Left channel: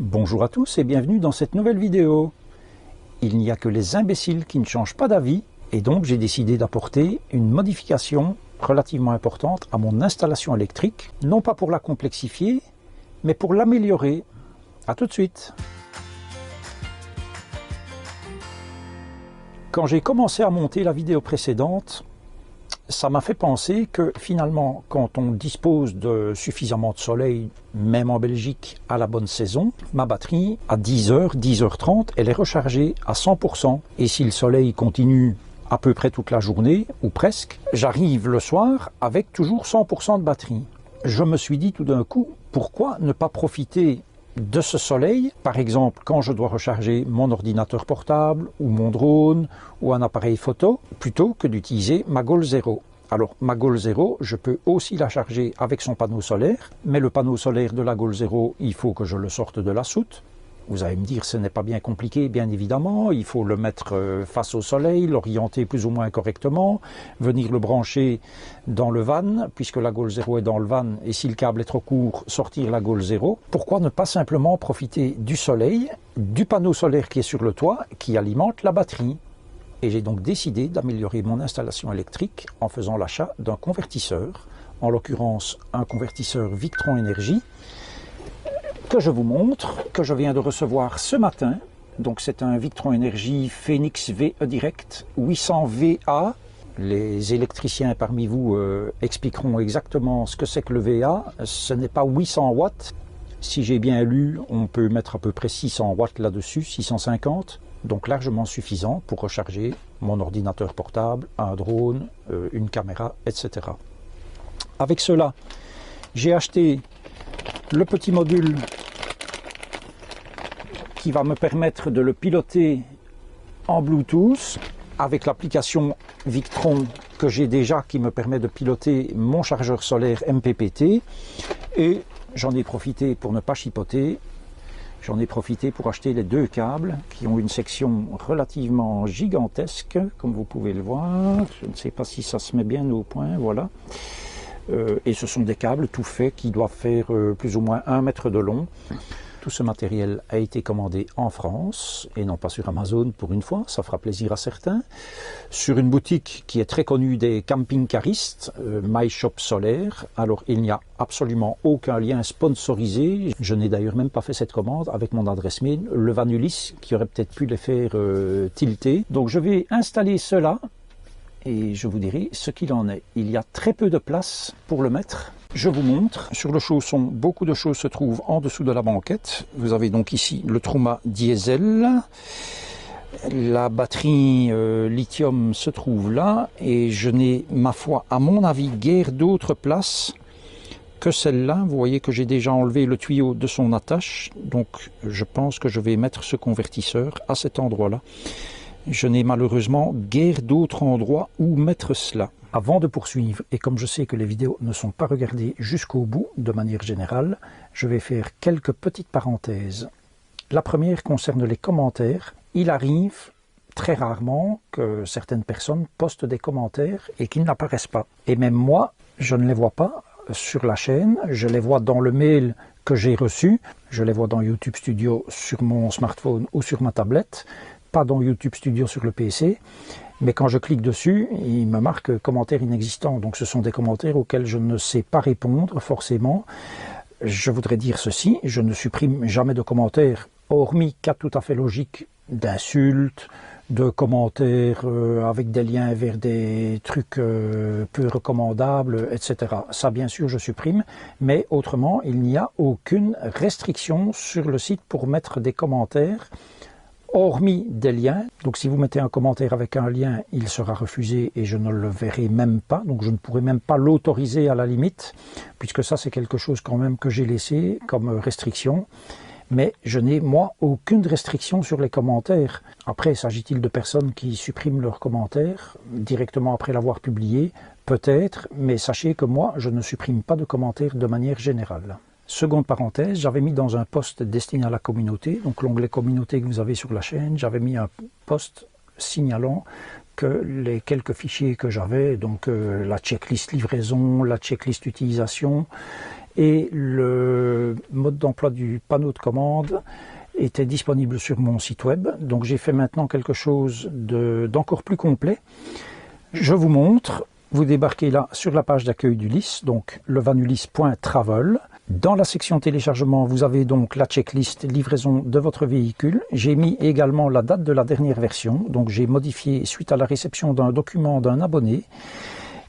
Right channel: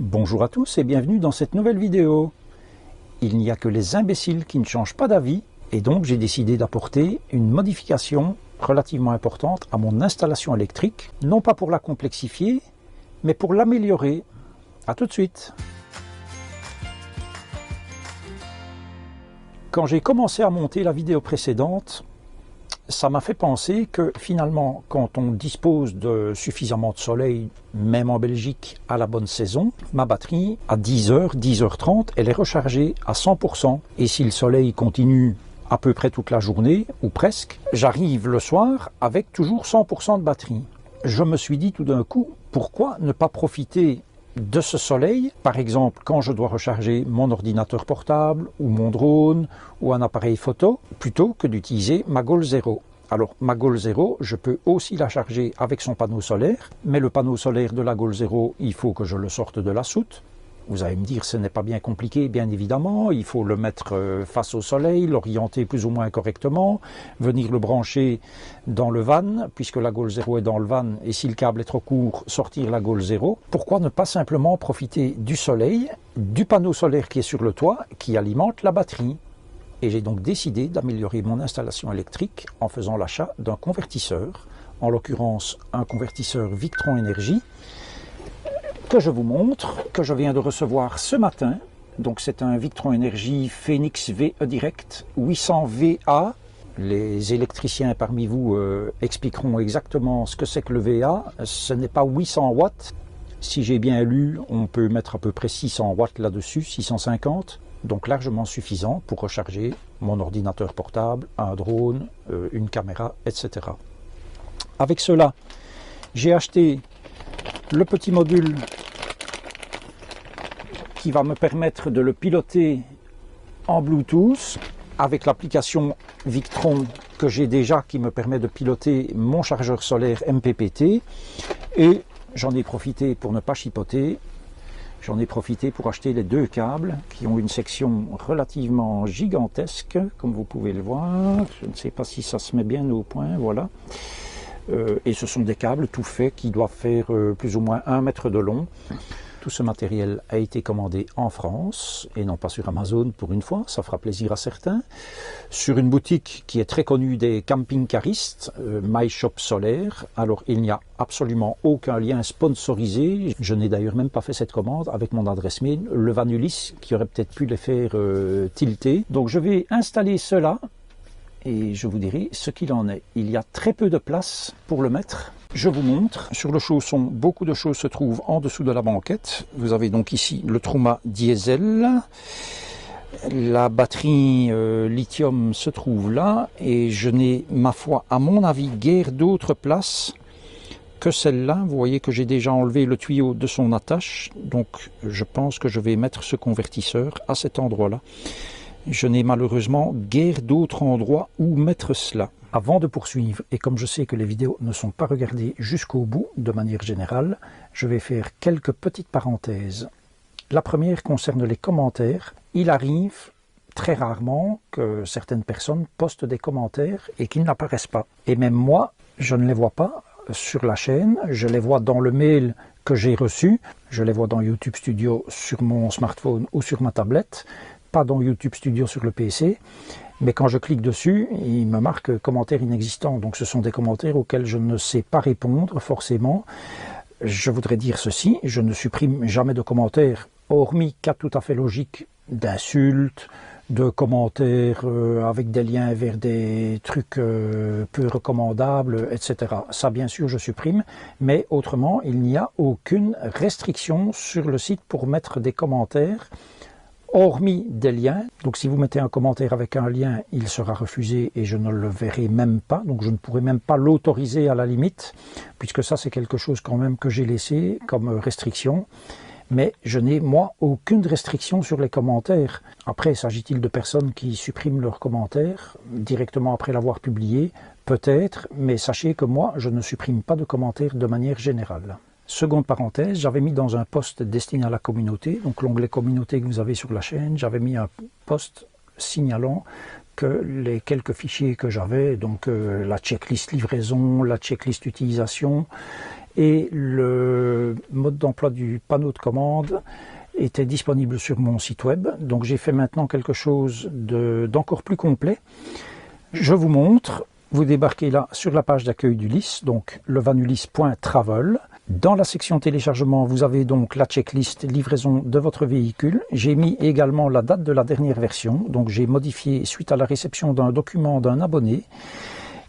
Bonjour à tous et bienvenue dans cette nouvelle vidéo. Il n'y a que les imbéciles qui ne changent pas d'avis et donc j'ai décidé d'apporter une modification relativement importante à mon installation électrique, non pas pour la complexifier, mais pour l'améliorer. A tout de suite. Quand j'ai commencé à monter la vidéo précédente, ça m'a fait penser que finalement, quand on dispose de suffisamment de soleil, même en Belgique, à la bonne saison, ma batterie, à 10h, 10h30, elle est rechargée à 100%. Et si le soleil continue à peu près toute la journée, ou presque, j'arrive le soir avec toujours 100% de batterie. Je me suis dit tout d'un coup, pourquoi ne pas profiter de ce soleil, par exemple quand je dois recharger mon ordinateur portable ou mon drone ou un appareil photo, plutôt que d'utiliser ma Goal Zero. Alors ma Goal Zero, je peux aussi la charger avec son panneau solaire, mais le panneau solaire de la Goal Zero, il faut que je le sorte de la soute. Vous allez me dire, ce n'est pas bien compliqué, bien évidemment, il faut le mettre face au soleil, l'orienter plus ou moins correctement, venir le brancher dans le van, puisque la Goal Zero est dans le van, et si le câble est trop court, sortir la Goal Zero. Pourquoi ne pas simplement profiter du soleil, du panneau solaire qui est sur le toit, qui alimente la batterie? Et j'ai donc décidé d'améliorer mon installation électrique en faisant l'achat d'un convertisseur, en l'occurrence un convertisseur Victron Énergie, que je vous montre, que je viens de recevoir ce matin. Donc c'est un Victron Énergie Phoenix VE Direct 800 VA. Les électriciens parmi vous expliqueront exactement ce que c'est que le VA. Ce n'est pas 800 watts. Si j'ai bien lu, on peut mettre à peu près 600 watts là-dessus, 650. Donc largement suffisant pour recharger mon ordinateur portable, un drone, une caméra, etc. Avec cela, j'ai acheté le petit module qui va me permettre de le piloter en Bluetooth avec l'application Victron que j'ai déjà qui me permet de piloter mon chargeur solaire MPPT. Et j'en ai profité pour ne pas chipoter. J'en ai profité pour acheter les deux câbles qui ont une section relativement gigantesque, comme vous pouvez le voir. Je ne sais pas si ça se met bien au point, voilà. Et ce sont des câbles tout faits qui doivent faire plus ou moins 1 mètre de long. Tout ce matériel a été commandé en France et non pas sur Amazon pour une fois, ça fera plaisir à certains. Sur une boutique qui est très connue des camping-caristes, My Shop Solaire. Alors il n'y a absolument aucun lien sponsorisé. Je n'ai d'ailleurs même pas fait cette commande avec mon adresse mail, le Vanulis, qui aurait peut-être pu les faire tilter. Donc je vais installer cela et je vous dirai ce qu'il en est. Il y a très peu de place pour le mettre. Je vous montre. Sur le chausson, beaucoup de choses se trouvent en dessous de la banquette. Vous avez donc ici le Truma diesel. La batterie lithium se trouve là. Et je n'ai, ma foi, à mon avis, guère d'autres places que celle-là. Vous voyez que j'ai déjà enlevé le tuyau de son attache. Donc je pense que je vais mettre ce convertisseur à cet endroit-là. Je n'ai malheureusement guère d'autres endroits où mettre cela. Avant de poursuivre, et comme je sais que les vidéos ne sont pas regardées jusqu'au bout de manière générale, je vais faire quelques petites parenthèses. La première concerne les commentaires. Il arrive très rarement que certaines personnes postent des commentaires et qu'ils n'apparaissent pas. Et même moi, je ne les vois pas sur la chaîne, je les vois dans le mail que j'ai reçu, je les vois dans YouTube Studio sur mon smartphone ou sur ma tablette, pas dans YouTube Studio sur le PC, mais quand je clique dessus, il me marque commentaires inexistants. Donc ce sont des commentaires auxquels je ne sais pas répondre forcément. Je voudrais dire ceci, je ne supprime jamais de commentaires, hormis cas tout à fait logiques d'insultes, de commentaires avec des liens vers des trucs peu recommandables, etc. Ça, bien sûr, je supprime, mais autrement, il n'y a aucune restriction sur le site pour mettre des commentaires, hormis des liens. Donc si vous mettez un commentaire avec un lien, il sera refusé et je ne le verrai même pas. Donc je ne pourrai même pas l'autoriser à la limite, puisque ça c'est quelque chose quand même que j'ai laissé comme restriction. Mais je n'ai, moi, aucune restriction sur les commentaires. Après, s'agit-il de personnes qui suppriment leurs commentaires directement après l'avoir publié? Peut-être, mais sachez que moi, je ne supprime pas de commentaires de manière générale. Seconde parenthèse, j'avais mis dans un post destiné à la communauté, donc l'onglet communauté que vous avez sur la chaîne, j'avais mis un post signalant que les quelques fichiers que j'avais, donc la checklist livraison, la checklist utilisation et le mode d'emploi du panneau de commande était disponible sur mon site web. Donc j'ai fait maintenant quelque chose d'encore plus complet. Je vous montre, vous débarquez là sur la page d'accueil d'Ulysse, donc levanulysse.travel. Dans la section téléchargement, vous avez donc la checklist livraison de votre véhicule. J'ai mis également la date de la dernière version, donc j'ai modifié suite à la réception d'un document d'un abonné.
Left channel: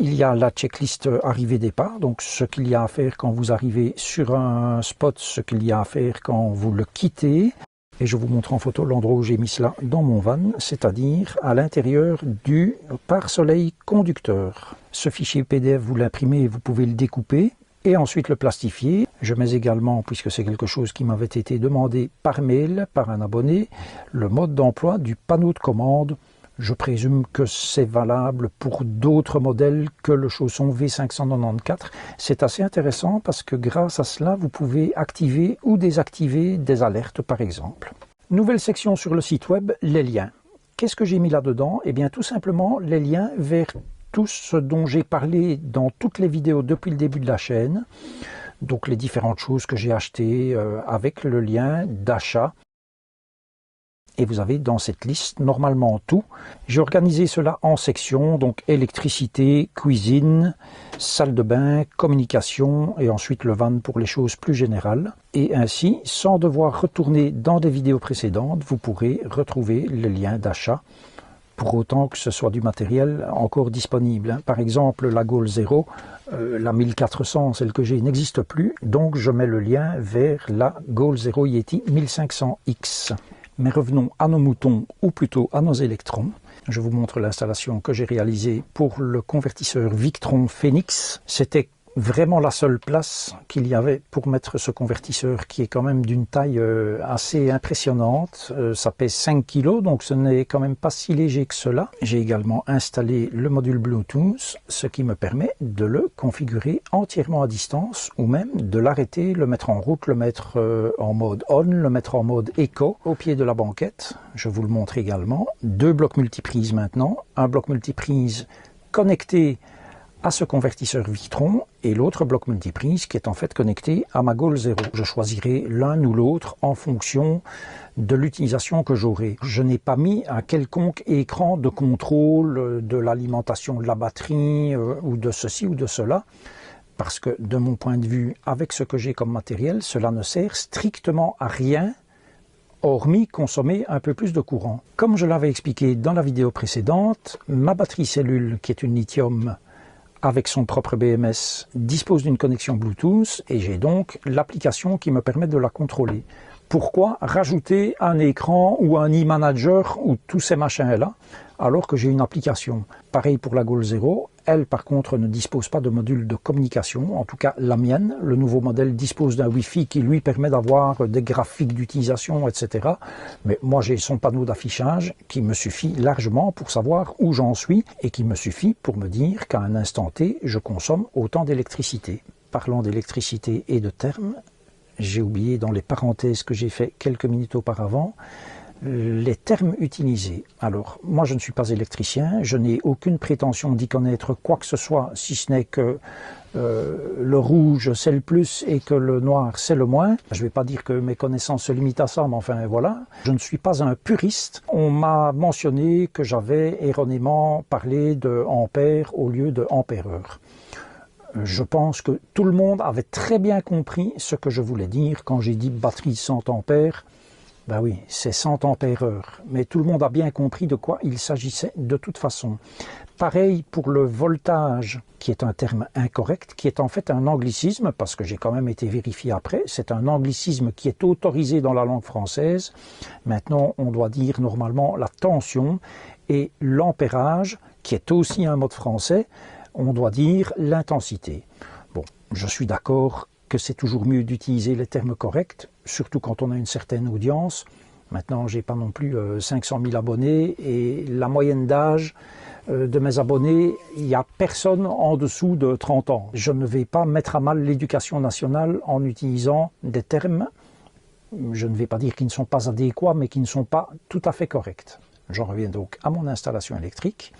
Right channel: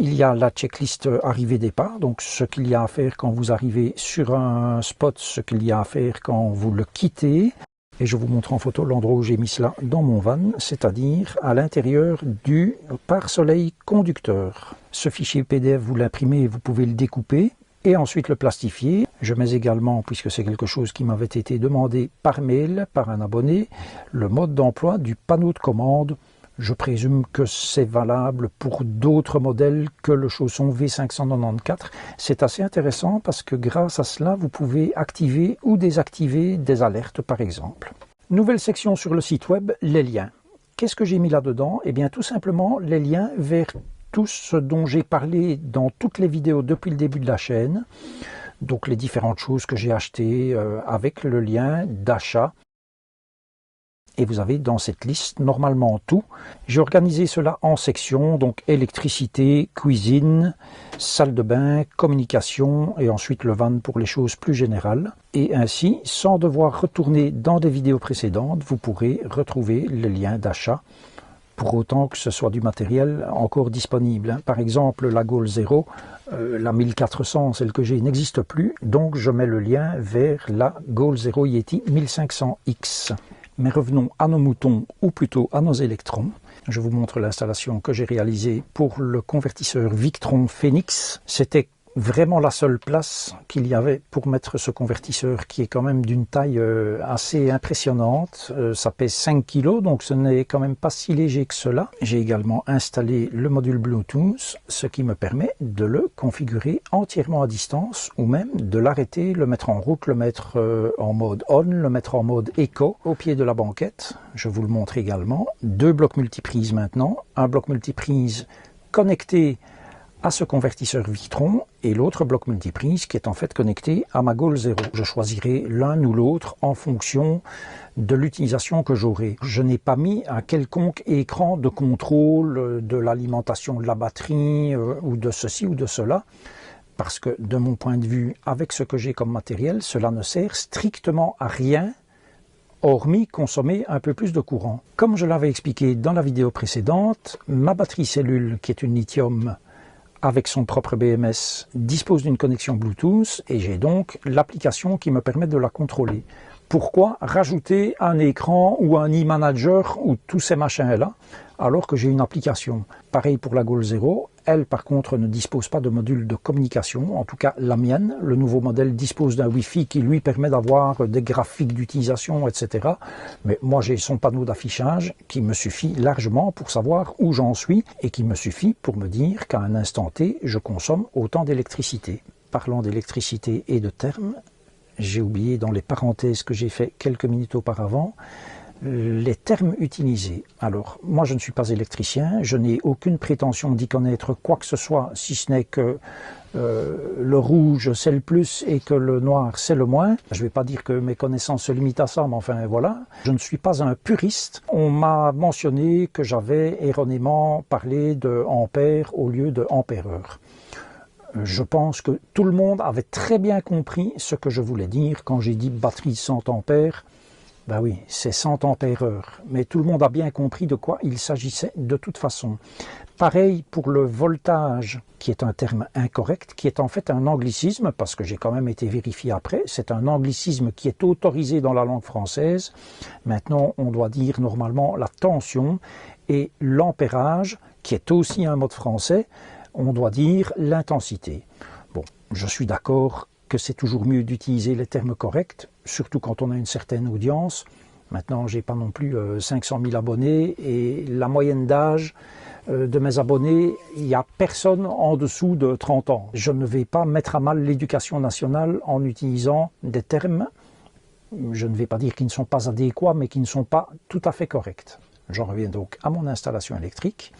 Il y a la checklist arrivée-départ, donc ce qu'il y a à faire quand vous arrivez sur un spot, ce qu'il y a à faire quand vous le quittez. Et je vous montre en photo l'endroit où j'ai mis cela dans mon van, c'est-à-dire à l'intérieur du pare-soleil conducteur. Ce fichier PDF, vous l'imprimez et vous pouvez le découper et ensuite le plastifier. Je mets également, puisque c'est quelque chose qui m'avait été demandé par mail, par un abonné, le mode d'emploi du panneau de commande. Je présume que c'est valable pour d'autres modèles que le chausson V594. C'est assez intéressant parce que grâce à cela, vous pouvez activer ou désactiver des alertes par exemple. Nouvelle section sur le site web, les liens. Qu'est-ce que j'ai mis là-dedans? Eh bien tout simplement les liens vers tout ce dont j'ai parlé dans toutes les vidéos depuis le début de la chaîne. Donc les différentes choses que j'ai achetées avec le lien d'achat. Et vous avez dans cette liste normalement tout. J'ai organisé cela en sections, donc électricité, cuisine, salle de bain, communication et ensuite le van pour les choses plus générales. Et ainsi, sans devoir retourner dans des vidéos précédentes, vous pourrez retrouver les liens d'achat pour autant que ce soit du matériel encore disponible. Par exemple, la Goal Zero, la 1400, celle que j'ai, n'existe plus, donc je mets le lien vers la Goal Zero Yeti 1500X. Mais revenons à nos moutons, ou plutôt à nos électrons. Je vous montre l'installation que j'ai réalisée pour le convertisseur Victron Phoenix. C'était vraiment la seule place qu'il y avait pour mettre ce convertisseur qui est quand même d'une taille assez impressionnante. Ça pèse 5 kg, donc ce n'est quand même pas si léger que cela. J'ai également installé le module Bluetooth, ce qui me permet de le configurer entièrement à distance ou même de l'arrêter, le mettre en route, le mettre en mode on, le mettre en mode éco au pied de la banquette. Je vous le montre également. 2 blocs multiprises maintenant, un bloc multiprise connecté à ce convertisseur Victron et l'autre bloc multiprise qui est en fait connecté à ma Goal Zero. Je choisirai l'un ou l'autre en fonction de l'utilisation que j'aurai. Je n'ai pas mis un quelconque écran de contrôle de l'alimentation de la batterie ou de ceci ou de cela parce que de mon point de vue, avec ce que j'ai comme matériel, cela ne sert strictement à rien hormis consommer un peu plus de courant. Comme je l'avais expliqué dans la vidéo précédente, ma batterie cellule qui est une lithium avec son propre BMS, dispose d'une connexion Bluetooth et j'ai donc l'application qui me permet de la contrôler. Pourquoi rajouter un écran ou un e-manager ou tous ces machins-là alors que j'ai une application? Pareil pour la Goal Zero, elle par contre ne dispose pas de module de communication, en tout cas la mienne. Le nouveau modèle dispose d'un Wi-Fi qui lui permet d'avoir des graphiques d'utilisation, etc. Mais moi j'ai son panneau d'affichage qui me suffit largement pour savoir où j'en suis et qui me suffit pour me dire qu'à un instant T, je consomme autant d'électricité. Parlant d'électricité et de termes, j'ai oublié dans les parenthèses que j'ai fait quelques minutes auparavant, les termes utilisés. Alors, moi je ne suis pas électricien, je n'ai aucune prétention d'y connaître quoi que ce soit, si ce n'est que le rouge c'est le plus et que le noir c'est le moins. Je ne vais pas dire que mes connaissances se limitent à ça, mais enfin voilà. Je ne suis pas un puriste. On m'a mentionné que j'avais erronément parlé de ampères au lieu de ampère-heure. Je pense que tout le monde avait très bien compris ce que je voulais dire quand j'ai dit batterie 100 ampères. Ben oui, c'est 100 ampères-heure, mais tout le monde a bien compris de quoi il s'agissait de toute façon. Pareil pour le voltage, qui est un terme incorrect, qui est en fait un anglicisme, parce que j'ai quand même été vérifié après, c'est un anglicisme qui est autorisé dans la langue française. Maintenant, on doit dire normalement la tension, et l'ampérage, qui est aussi un mot français, on doit dire l'intensité. Bon, je suis d'accord que c'est toujours mieux d'utiliser les termes corrects, surtout quand on a une certaine audience. Maintenant, j'ai pas non plus 500 000 abonnés et la moyenne d'âge de mes abonnés, il n'y a personne en dessous de 30 ans. Je ne vais pas mettre à mal l'éducation nationale en utilisant des termes, je ne vais pas dire qu'ils ne sont pas adéquats, mais qui ne sont pas tout à fait corrects. J'en reviens donc à mon installation électrique.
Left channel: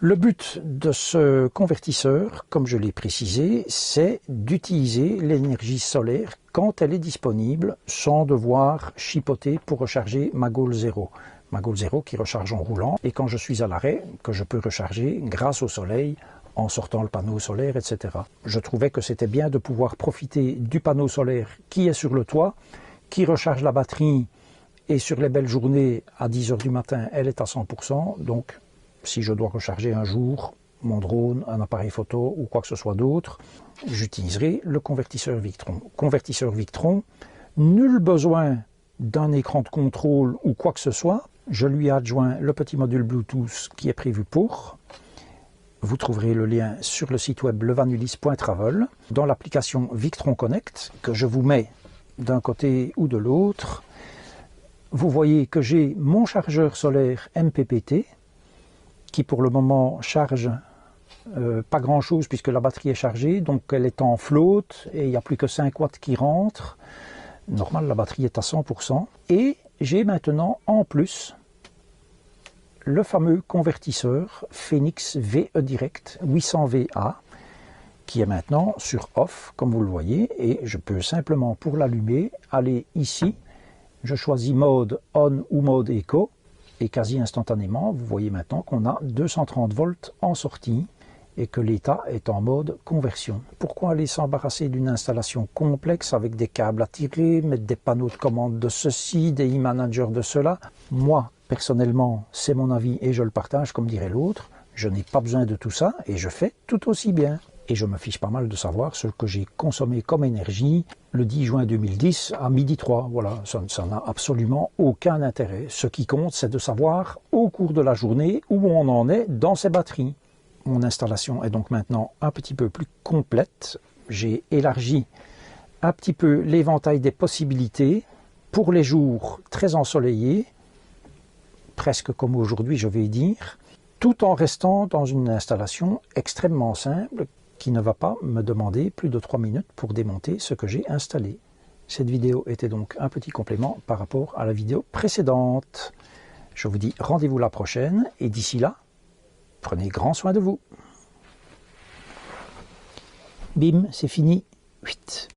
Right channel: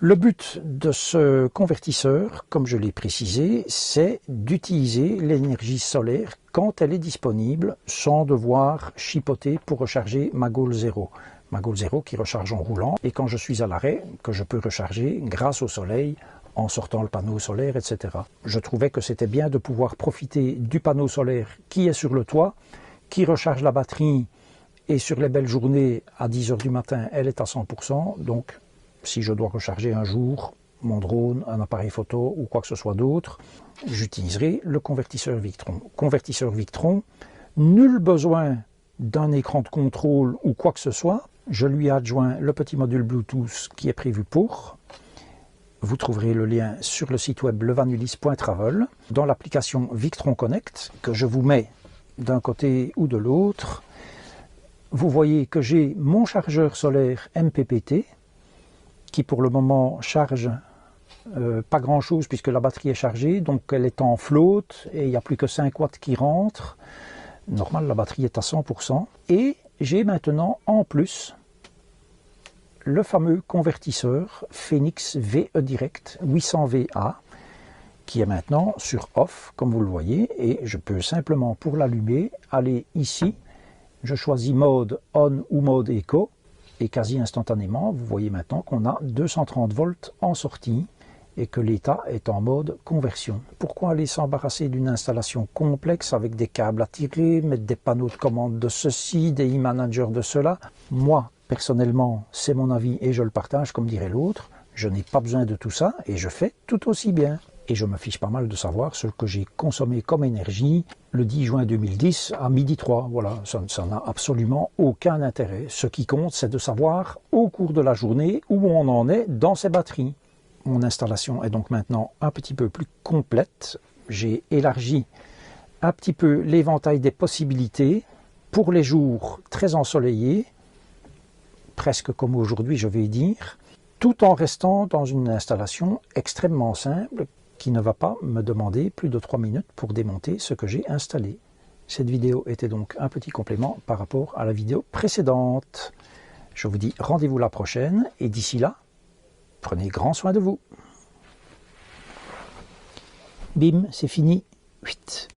Le but de ce convertisseur, comme je l'ai précisé, c'est d'utiliser l'énergie solaire quand elle est disponible sans devoir chipoter pour recharger ma Goal Zero. Ma Goal Zero qui recharge en roulant et quand je suis à l'arrêt, que je peux recharger grâce au soleil en sortant le panneau solaire, etc. Je trouvais que c'était bien de pouvoir profiter du panneau solaire qui est sur le toit, qui recharge la batterie et sur les belles journées à 10 h du matin, elle est à 100%. Donc, si je dois recharger un jour mon drone, un appareil photo ou quoi que ce soit d'autre, j'utiliserai le convertisseur Victron. Convertisseur Victron, nul besoin d'un écran de contrôle ou quoi que ce soit. Je lui ai adjoint le petit module Bluetooth qui est prévu pour. Vous trouverez le lien sur le site web levanulis.travel, dans l'application Victron Connect, que je vous mets d'un côté ou de l'autre. Vous voyez que j'ai mon chargeur solaire MPPT, qui pour le moment charge pas grand chose puisque la batterie est chargée, donc elle est en flotte et il n'y a plus que 5 watts qui rentrent. Normal, la batterie est à 100%. Et j'ai maintenant en plus le fameux convertisseur Phoenix VE Direct 800VA qui est maintenant sur off comme vous le voyez, et je peux simplement pour l'allumer aller ici, je choisis mode on ou mode éco. Et quasi instantanément, vous voyez maintenant qu'on a 230 volts en sortie et que l'état est en mode conversion. Pourquoi aller s'embarrasser d'une installation complexe avec des câbles à tirer, mettre des panneaux de commande de ceci, des e-managers de cela? Moi, personnellement, c'est mon avis et je le partage comme dirait l'autre. Je n'ai pas besoin de tout ça et je fais tout aussi bien. Et je me fiche pas mal de savoir ce que j'ai consommé comme énergie le 10 juin 2010 à 12h03. Voilà, ça n'a absolument aucun intérêt. Ce qui compte, c'est de savoir au cours de la journée où on en est dans ces batteries. Mon installation est donc maintenant un petit peu plus complète. J'ai élargi un petit peu l'éventail des possibilités pour les jours très ensoleillés, presque comme aujourd'hui je vais dire, tout en restant dans une installation extrêmement simple qui ne va pas me demander plus de 3 minutes pour démonter ce que j'ai installé. Cette vidéo était donc un petit complément par rapport à la vidéo précédente. Je vous dis rendez-vous la prochaine et d'ici là, prenez grand soin de vous. Bim, c'est fini. 8.